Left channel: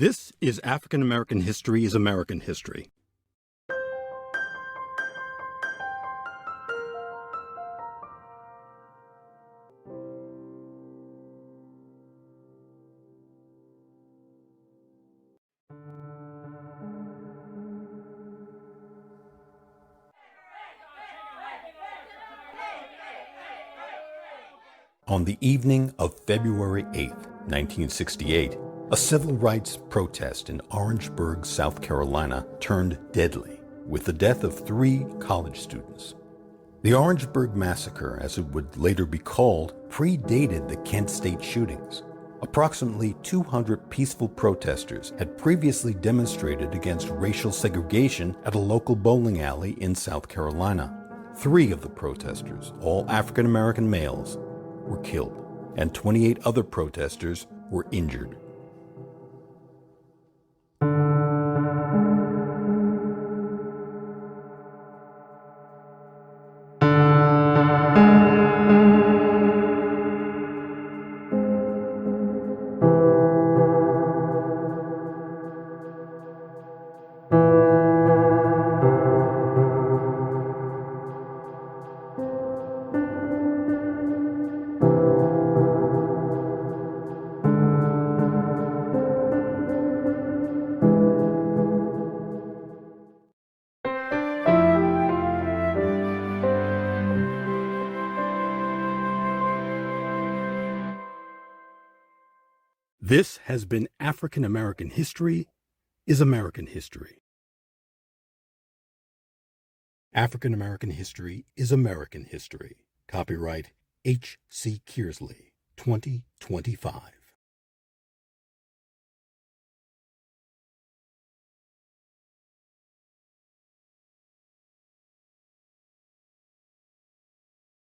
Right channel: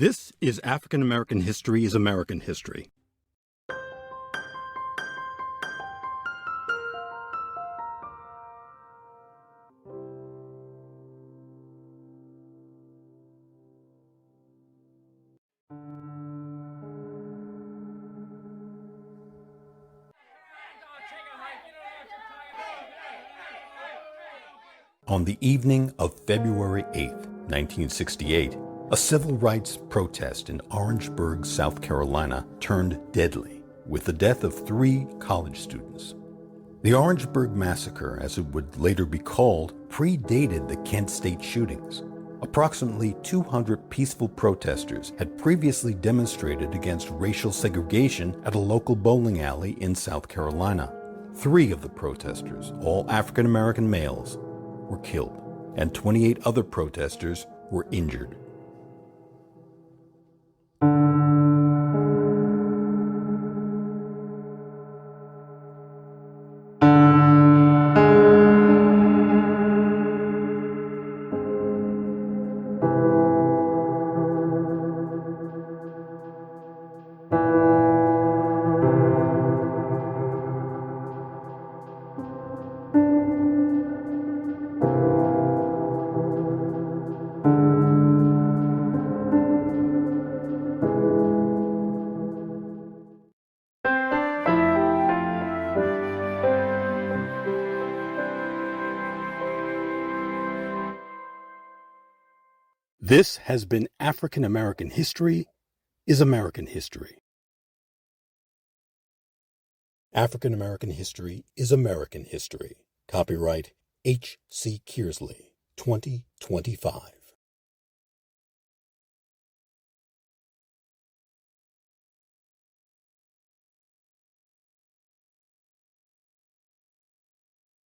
This is African American History is American History. On the evening of February 8, 1968, a civil rights protest in Orangeburg, South Carolina, turned deadly, with the death of 3 college students. The Orangeburg Massacre, as it would later be called, predated the Kent State shootings. Approximately 200 peaceful protesters had previously demonstrated against racial segregation at a local bowling alley in South Carolina. 3 of the protesters, all African American males, were killed, and 28 other protesters were injured. This has been African American History is American History. African American History is American History. Copyright H.C. Kearsley, 2025.